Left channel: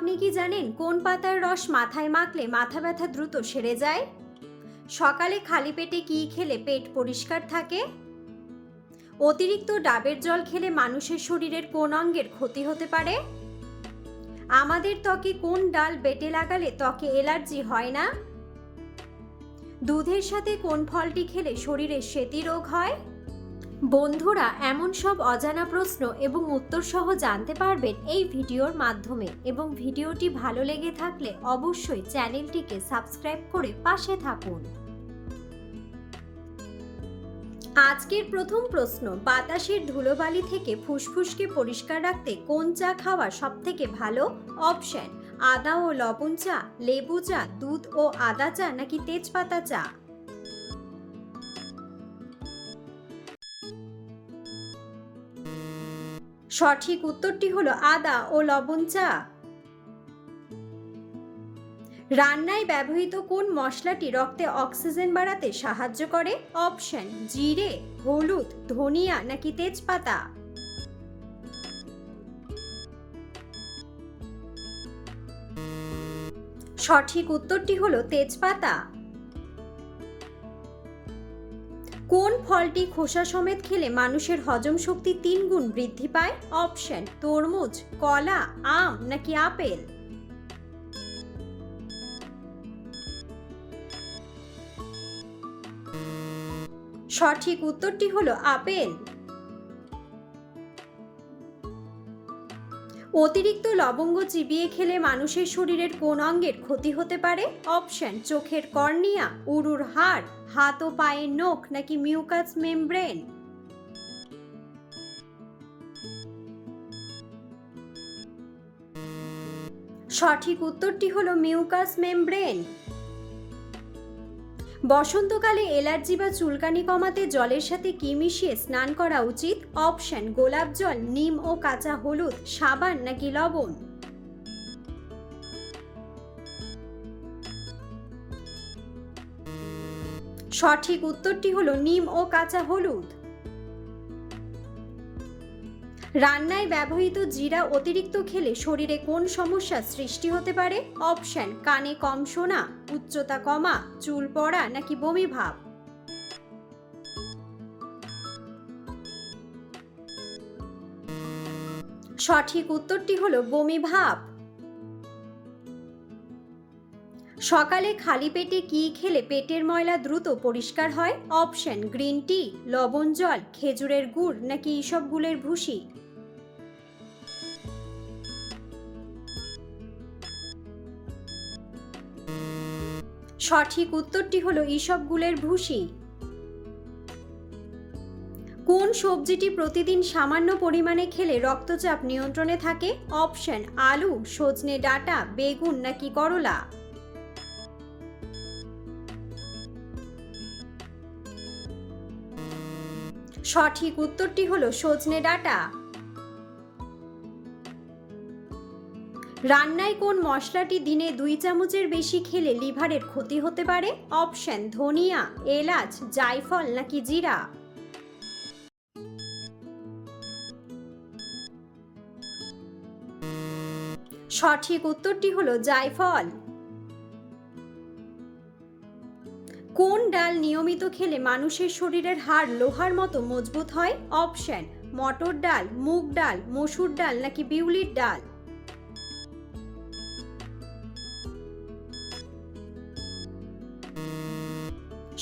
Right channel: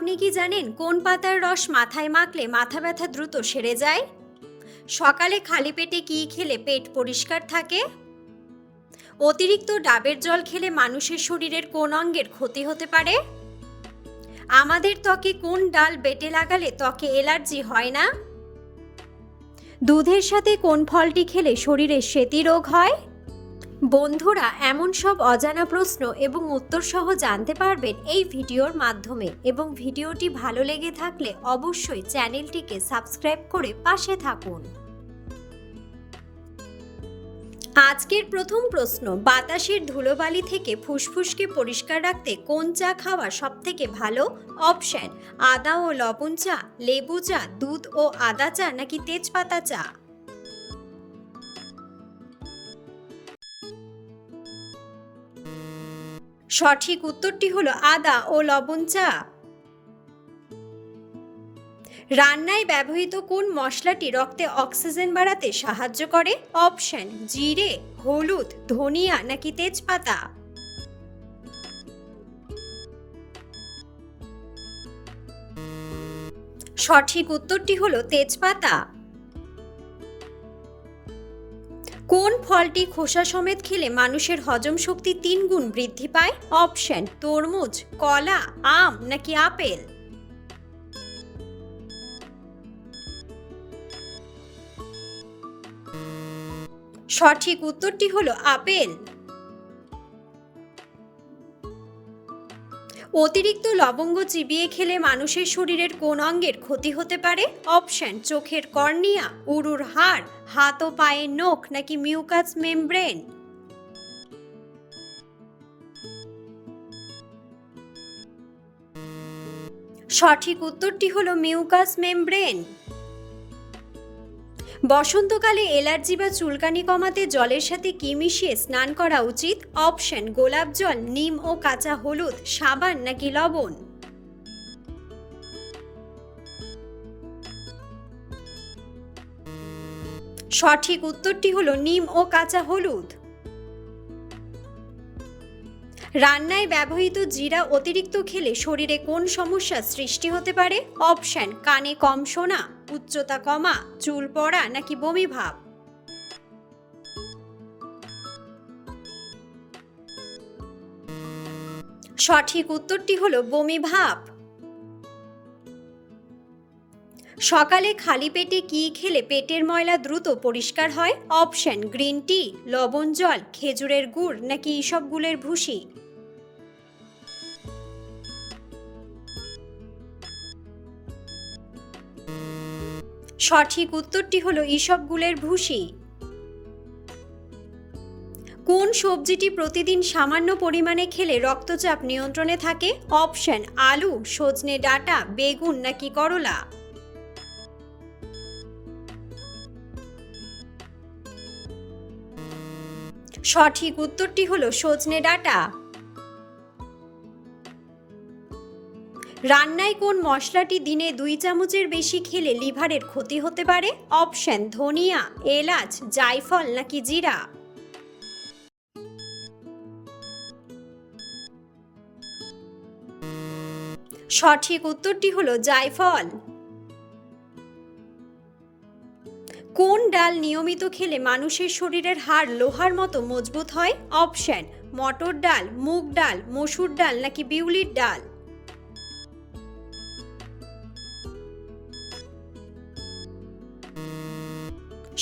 আপনি কি জানেন কোন পাতার রস মাথায় মাখলে মাথা ব্যথা দ্রুত সেরে যায়? সকালে খালি পেটে কি খেলে পেট পরিষ্কার থাকে? অতিরিক্ত ডাবের জল খেলে মানুষের শরীরের কোন অঙ্গের ক্ষতি হতে পারে? আমাদের ত্বকে কোন ডাল বেটে লাগালে ত্বকে অ্যালার্জি হয় না? দুধের সাথে কোন ফলটি খেলে শরীরে শ্বেতি রোগ হয়? বন্ধুরা, এমন সব অজানা প্রশ্ন এবং উত্তর সহ জানতে পারবেন এই ভিডিওর মাধ্যমে, এবং ভিডিওটি ভালো লেগে থাকলে অবশ্যই চ্যানেলটিকে সাবস্ক্রাইব করে পাশে থাকুন। আজকের প্রথম প্রশ্ন, বাতাসের ধুলোবালি থেকে ফুসফুসকে পরিষ্কার রাখতে কোন চা খাওয়া সবথেকে ভালো? অপশন: আদা ও লবণ চা, লেবু চা, দুধ ও আদা চা, নাকি তেজপাতা চা? সঠিক উত্তরটি হলো আদা ও লবণ চা। রান্নায় ব্যবহৃত কোন মশলাটি রক্তে অক্সিজেন বাড়াতে সাহায্য করে? অপশন: জিরে, হলুদ, ধনিয়া, নাকি তেজপাতা? সঠিক উত্তরটি হলো তেজপাতা। কোন ফলটি খোসা সমেত খেলে মানুষের হজম শক্তি 3 গুণ বৃদ্ধি পায়? অপশন: তরমুজ, কলা, আম, নাকি আপেল? সঠিক উত্তরটি হলো আপেল। অতিরিক্ত লবঙ্গ চিবিয়ে খেলে মানুষের শরীরের কোন অঙ্গের ক্ষতি হতে পারে? অপশন: চোখের কর্নিয়া, উরুর হাড়, হাত ও পায়ের নখ, নাকি মিউকাস মেমব্রেন? সঠিক উত্তরটি হলো মিউকাস মেমব্রেন। বসন্তকালে অ্যালার্জি বা চুলকানি কমাতে জলের সাথে কি মিশিয়ে স্নান করা উচিত? অপশন: গোলাপ জল, নিম ও কাঁচা হলুদ, সাবান, নাকি লবণ? সঠিক উত্তরটি হলো নিম ও কাঁচা হলুদ। রান্নায় ব্যবহৃত জিরা অতিরিক্ত খেলে শরীরে কোন সমস্যার সৃষ্টি হতে পারে? অপশন: কানে কম শোনা, উচ্চতা কমা, চুল পড়া, নাকি বমি ভাব? সঠিক উত্তরটি হলো বমি ভাব। সকালে খালি পেটে কি খেলে পেটের ময়লা দ্রুত পরিষ্কার হয়? অপশন: গ্রিন টি, লবণ জল, খেজুরের গুড়, নাকি ইসবগুলের ভুসি? সঠিক উত্তরটি হলো ইসবগুলের ভুসি। কোন সবজিটি প্রতিদিন সামান্য পরিমাণে খেলে রক্তচাপ নিয়ন্ত্রণে থাকে? অপশন: আলু, সজনে ডাঁটা, বেগুন, নাকি করলা? সঠিক উত্তরটি হলো সজনে ডাঁটা। রান্নায় কোন মশলাটি দিনে 2 চামচের বেশি খেলে লিভারের ক্ষতি হতে পারে? অপশন: ধনিয়া, এলাচ, জায়ফল, নাকি জিরা? সঠিক উত্তরটি হলো জায়ফল। কোন ডাল নিয়মিত খেলে মানুষের শরীরের হাড় লোহার মতো মজবুত হয়? অপশন: মটর ডাল, মুগ ডাল, মসুর ডাল, নাকি বিউলির ডাল?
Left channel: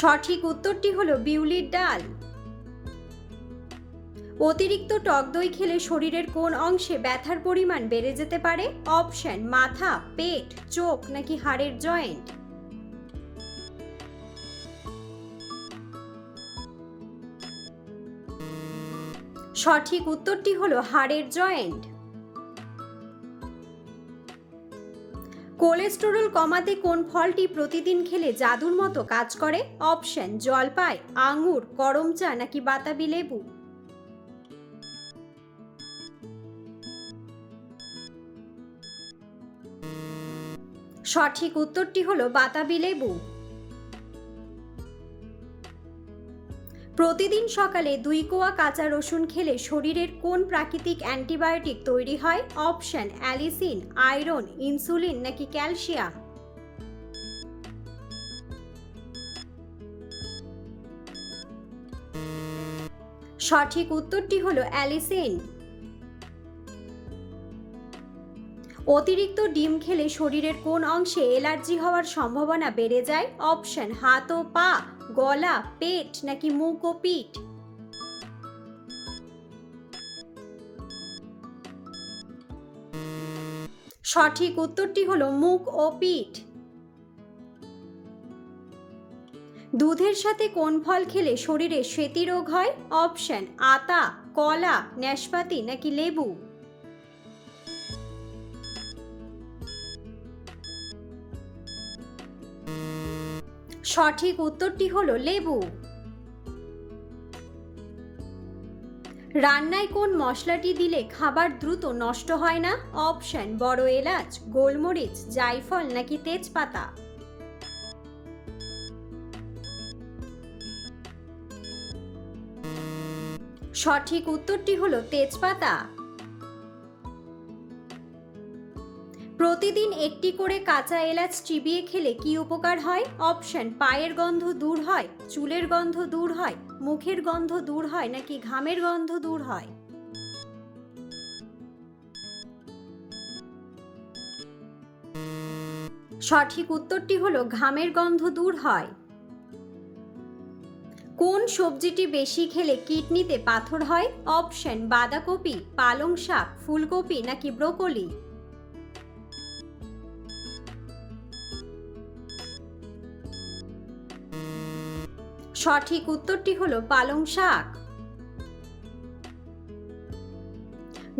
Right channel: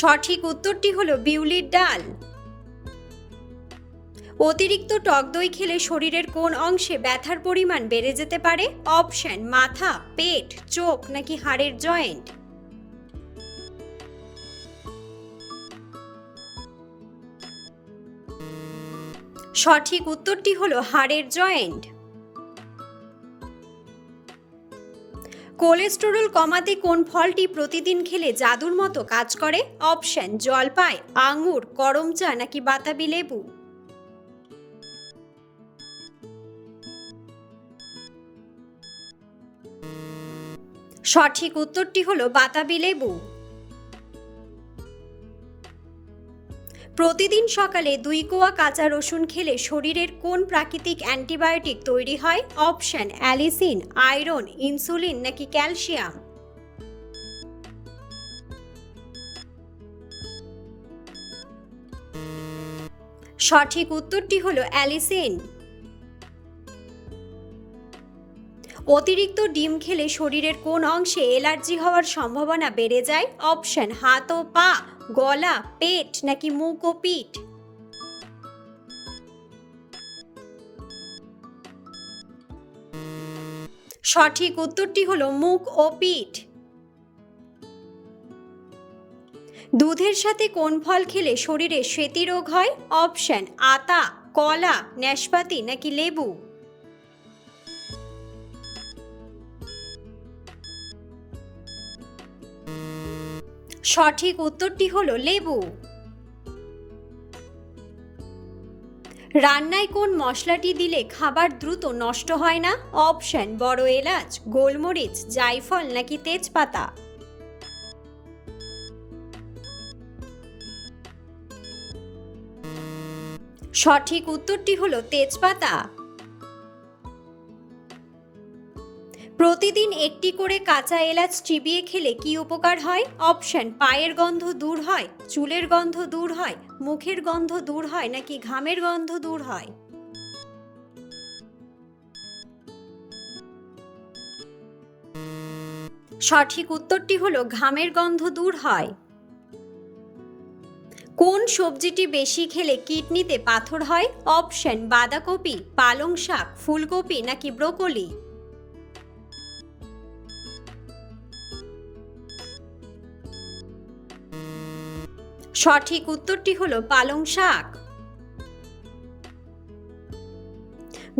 সঠিক উত্তরটি হলো বিউলির ডাল। অতিরিক্ত টক দই খেলে শরীরের কোন অংশে ব্যথার পরিমাণ বেড়ে যেতে পারে? অপশন: মাথা, পেট, চোখ, নাকি হাড়ের জয়েন্ট? সঠিক উত্তরটি হলো হাড়ের জয়েন্ট। কোলেস্টেরল কমাতে কোন ফলটি প্রতিদিন খেলে জাদুর মতো কাজ করে? অপশন: জলপাই, আঙ্গুর, করম চা, নাকি বাতাবি লেবু? সঠিক উত্তরটি হলো বাতাবি লেবু। প্রতিদিন সকালে 2 কোয়া কাঁচা রসুন খেলে শরীরের কোন প্রাকৃতিক অ্যান্টিবায়োটিক তৈরি হয়? অপশন অ্যালিসিন, আয়রন, ইনসুলিন নাকি ক্যালসিয়াম। সঠিক উত্তরটি হলো অ্যালিসিন। অতিরিক্ত ডিম খেলে শরীরের কোন অংশে অ্যালার্জি হওয়ার সম্ভাবনা বেড়ে যায়? অপশন হাত ও পা, গলা, পেট নাকি মুখ ও পিঠ। সঠিক উত্তরটি হলো মুখ ও পিঠ। দুধের সাথে কোন ফল খেলে শরীরে স্মৃতিরোগ হয়? অপশন আতা, কলা, নাশপাতি নাকি লেবু। সঠিক উত্তরটি হলো লেবু। রান্নায় কোন মশলাটি দিলে খাবার দ্রুত নষ্ট হয় না? অপশন বড় এলাচ, গোলমরিচ, জায়ফল নাকি তেজপাতা। সঠিক উত্তরটি হলো তেজপাতা। প্রতিদিন একটি করে কাঁচা এলাচ চিবিয়ে খেলে কি উপকার হয়? অপশন পায়ের গন্ধ দূর হয়, চুলের গন্ধ দূর হয়, মুখের গন্ধ দূর হয় নাকি ঘামের গন্ধ দূর হয়। সঠিক উত্তরটি হলো ঘামের গন্ধ দূর হয়। কোন সবজিটি বেশি খেলে কিডনিতে পাথর হয়? অপশন বাঁধাকপি, পালং শাক, ফুলকপি নাকি ব্রোকলি। সঠিক উত্তরটি হলো পালং শাক।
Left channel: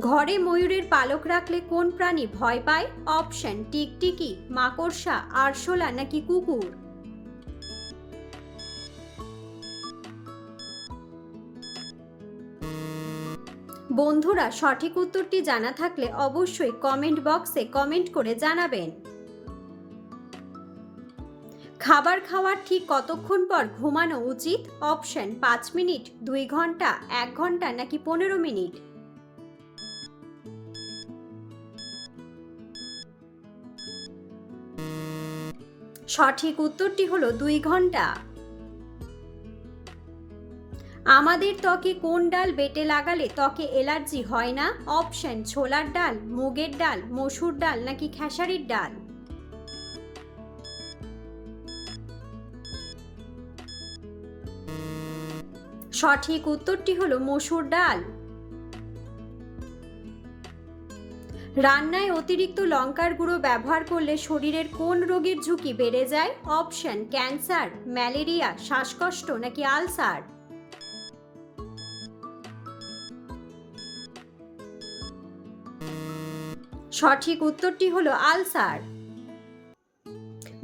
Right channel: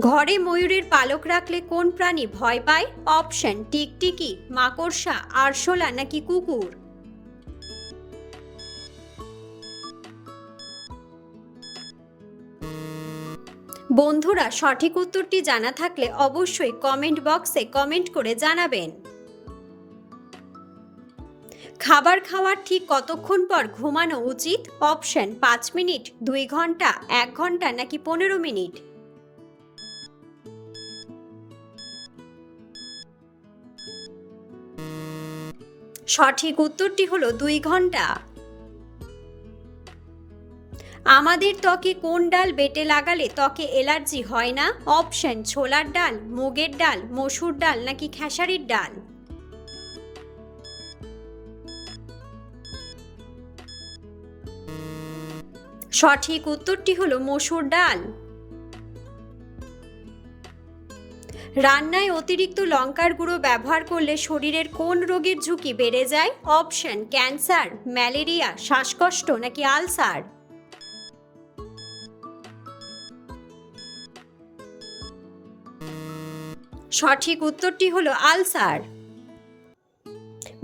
ঘরে ময়ূরের পালক রাখলে কোন প্রাণী ভয় পায়? অপশন টিকটিকি, মাকড়সা, আরশোলা নাকি কুকুর। বন্ধুরা, সঠিক উত্তরটি জানা থাকলে অবশ্যই কমেন্ট বক্সে কমেন্ট করে জানাবেন। খাবার খাওয়ার ঠিক কতক্ষণ পর ঘুমানো উচিত? অপশন 5 মিনিট, 2 ঘন্টা, 1 ঘন্টা নাকি 15 মিনিট। সঠিক উত্তরটি হলো 2 ঘন্টা। আমাদের ত্বকে কোন ডাল বেটে লাগালে ত্বকে অ্যালার্জি হয় না? অপশন ছোলার ডাল, মুগের ডাল, মসুর ডাল নাকি খেসারির ডাল। সঠিক উত্তরটি হলো মসুর ডাল। রান্নায় অতিরিক্ত লঙ্কার গুঁড়ো ব্যবহার করলে শরীরের কোন রোগের ঝুঁকি বেড়ে যায়? অপশন ক্যান্সার, ম্যালেরিয়া, শ্বাসকষ্ট নাকি আলসার। সঠিক উত্তরটি হলো আলসার।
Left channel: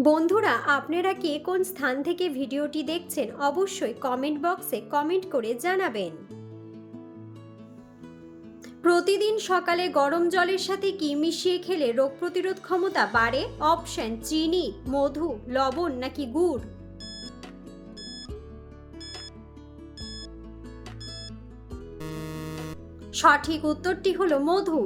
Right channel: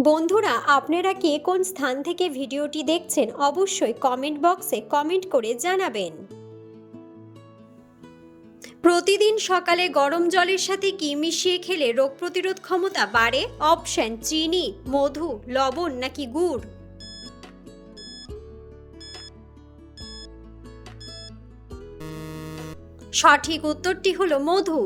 বন্ধুরা, আপনারা কে কোন স্থান থেকে ভিডিওটি দেখছেন অবশ্যই কমেন্ট বক্সে কমেন্ট করে জানাবেন। প্রতিদিন সকালে গরম জলের সাথে কি মিশিয়ে খেলে রোগ প্রতিরোধ ক্ষমতা বাড়ে? অপশন চিনি, মধু, লবণ নাকি গুড়। সঠিক উত্তরটি হলো মধু।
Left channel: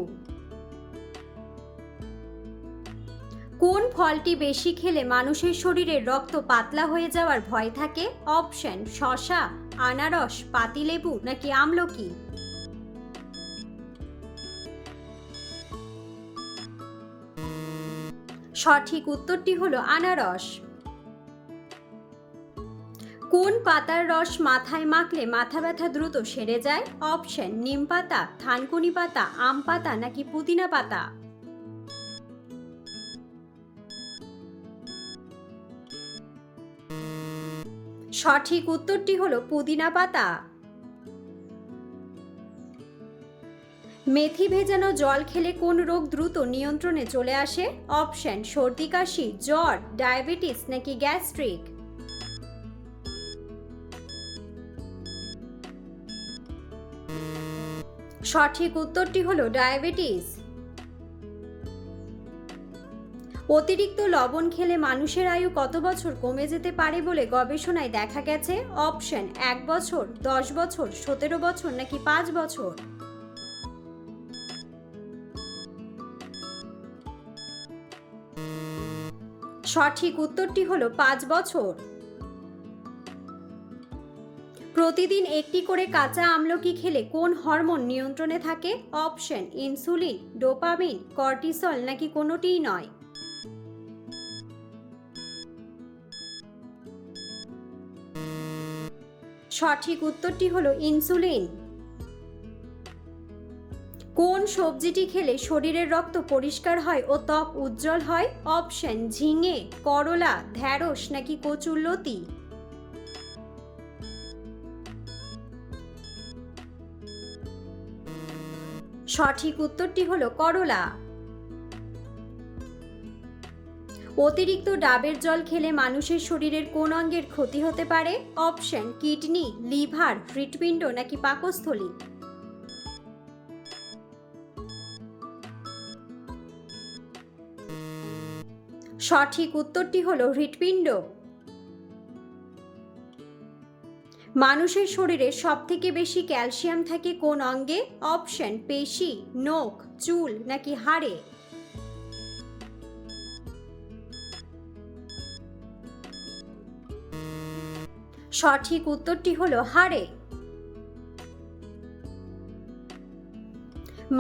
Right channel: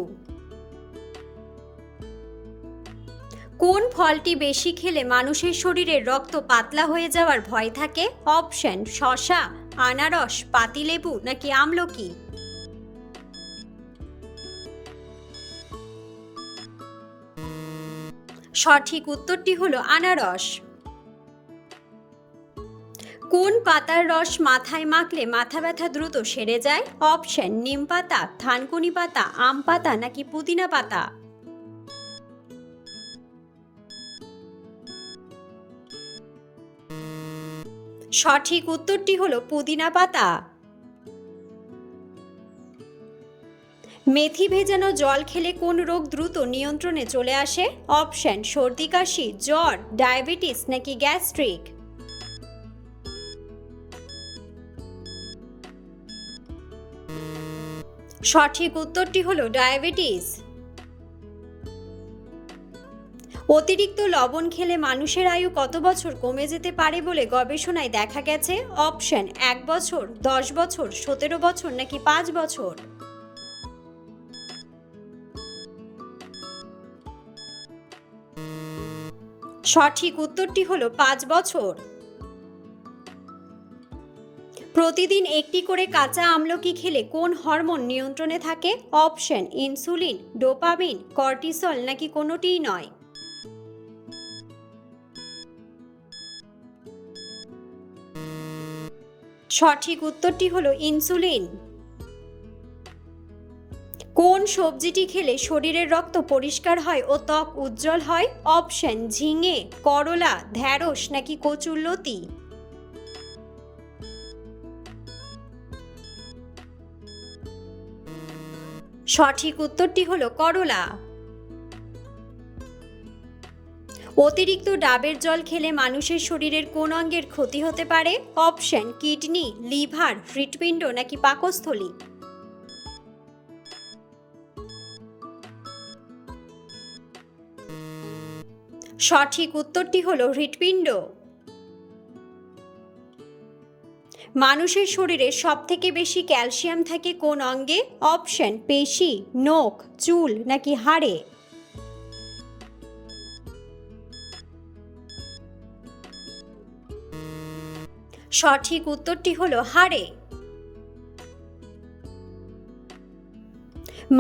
কোন ফলটি বেশি খেলে মানুষের শরীরে রক্ত পাতলা হয়ে যাওয়ার ভয় থাকে? অপশন শসা, আনারস, পাতিলেবু নাকি আমলকি। সঠিক উত্তরটি হলো আনারস। কোন পাতার রস মাথায় মাখলে মাথা ব্যথা দ্রুত সেরে যায়? অপশন নিম পাতা, থানকুনি পাতা, আম পাতা নাকি পুদিনা পাতা। সঠিক উত্তরটি হলো পুদিনা পাতা। মেথি ভেজানো জল খেলে কোন রোগ দ্রুত নিয়ন্ত্রণে চলে আসে? অপশন সর্দি কাশি, জ্বর, ডায়াবেটিস নাকি গ্যাস্ট্রিক। সঠিক উত্তরটি হলো ডায়াবেটিস। অতিরিক্ত লবণ খেলে মানুষের আয়ু কত বছর কমে যেতে পারে বলে গবেষণায় দেখা গেছে? অপশন 1 বছর, 10 বছর, 17 বছর নাকি 5 বছর। সঠিক উত্তরটি হলো 5 বছর। প্রতিদিন একটি করে কাঁচা আমলকি খেলে কোন হরমোন নিয়ন্ত্রণে থাকে? অপশন ইনসুলিন, ডোপামিন, কর্টিসল নাকি কোনোটিই নয়। সঠিক উত্তরটি হলো ইনসুলিন। কোন সবজিটি খেলে শরীরের রক্ত পরিষ্কার হয় ও ত্বক উজ্জ্বল হয়? অপশন ঝিঙে, করলা, ঢ্যাঁড়স নাকি কচুরলতি। সঠিক উত্তরটি হলো করলা। অতিরিক্ত ডাবের জল খেলে মানুষের শরীরের কোন অঙ্গের ক্ষতি হতে পারে? অপশন কিডনি, লিভার, হৃৎপিণ্ড নাকি পাকস্থলী। সঠিক উত্তরটি হলো হৃৎপিণ্ড। মানুষের শরীরে সবথেকে বেশি ক্যালসিয়াম থাকে কোন অঙ্গে? অপশন পেশি, নখ, চুল নাকি হাড়ে। সঠিক উত্তরটি হলো হাড়ে।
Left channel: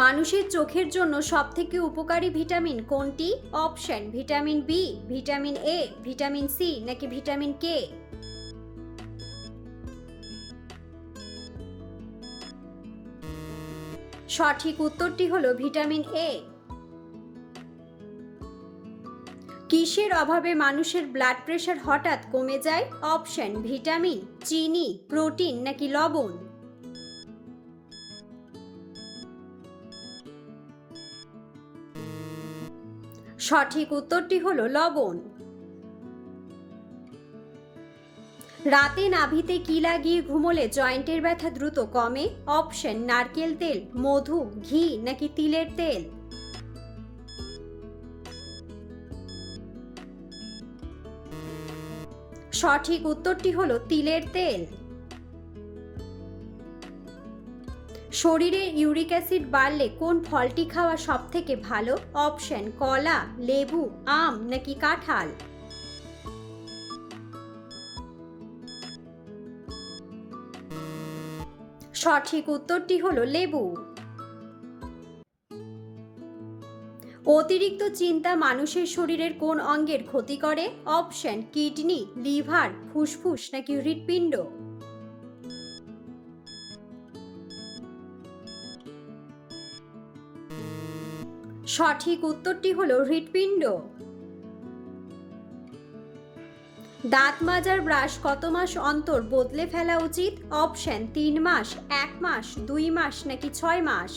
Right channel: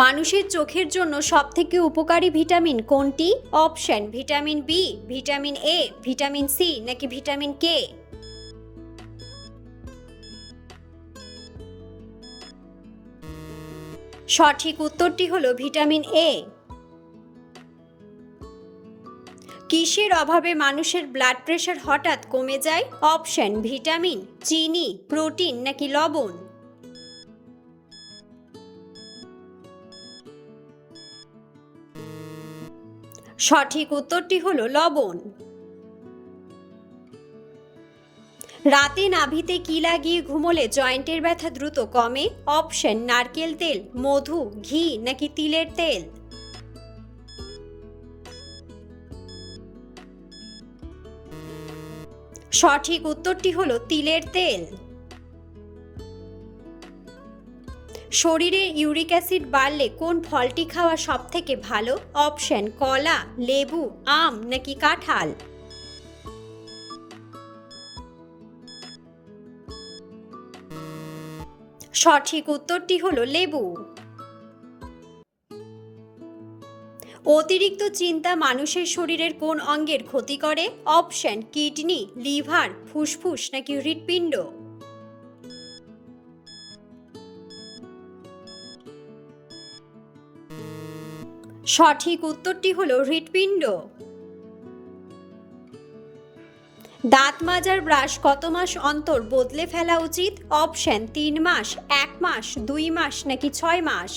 মানুষের চোখের জন্য সবথেকে উপকারী ভিটামিন কোনটি? Option vitamin B, vitamin A, vitamin C নাকি ভিটামিন কে। সঠিক উত্তরটি হলো ভিটামিন এ। কিসের অভাবে মানুষের ব্লাড প্রেশার হঠাৎ কমে যায়? অপশন ভিটামিন, চিনি, প্রোটিন নাকি লবণ। সঠিক উত্তরটি হলো লবণ। রাতে নাভিতে কি লাগিয়ে ঘুমোলে জয়েন্টের ব্যথা দ্রুত কমে? অপশন নারকেল তেল, মধু, ঘি নাকি তিলের তেল। সঠিক উত্তরটি হলো তিলের তেল। শরীরে ইউরিক অ্যাসিড বাড়লে কোন ফলটি খাওয়া সবথেকে ভালো? অপশন কলা, লেবু, আম নাকি কাঁঠাল। সঠিক উত্তরটি হলো লেবু। অতিরিক্ত চিন্তা মানুষের শরীরের কোন অঙ্গের ক্ষতি করে? অপশন কিডনি, লিভার, ফুসফুস নাকি হৃৎপিণ্ড। সঠিক উত্তরটি হলো হৃৎপিণ্ড। দাঁত মাজার ব্রাশ কত মাস অন্তর বদলে ফেলা উচিত? অপশন 3 মাস, 1 মাস, 2 মাস নাকি 6 মাস।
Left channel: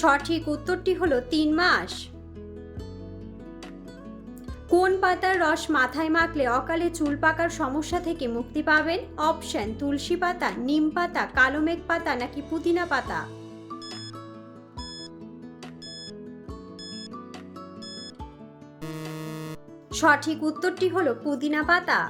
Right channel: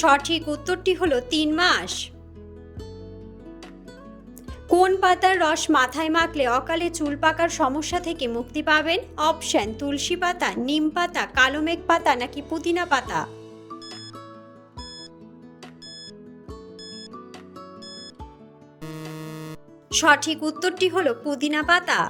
সঠিক উত্তরটি হলো 3 মাস। কোন পাতার রস মাথায় মাখলে অকালে চুল পাকার সমস্যা থেকে মুক্তি পাবেন? অপশন তুলসী পাতা, নিম পাতা, কালোমেঘ পাতা নাকি পুদিনা পাতা। সঠিক উত্তরটি হলো পুদিনা পাতা।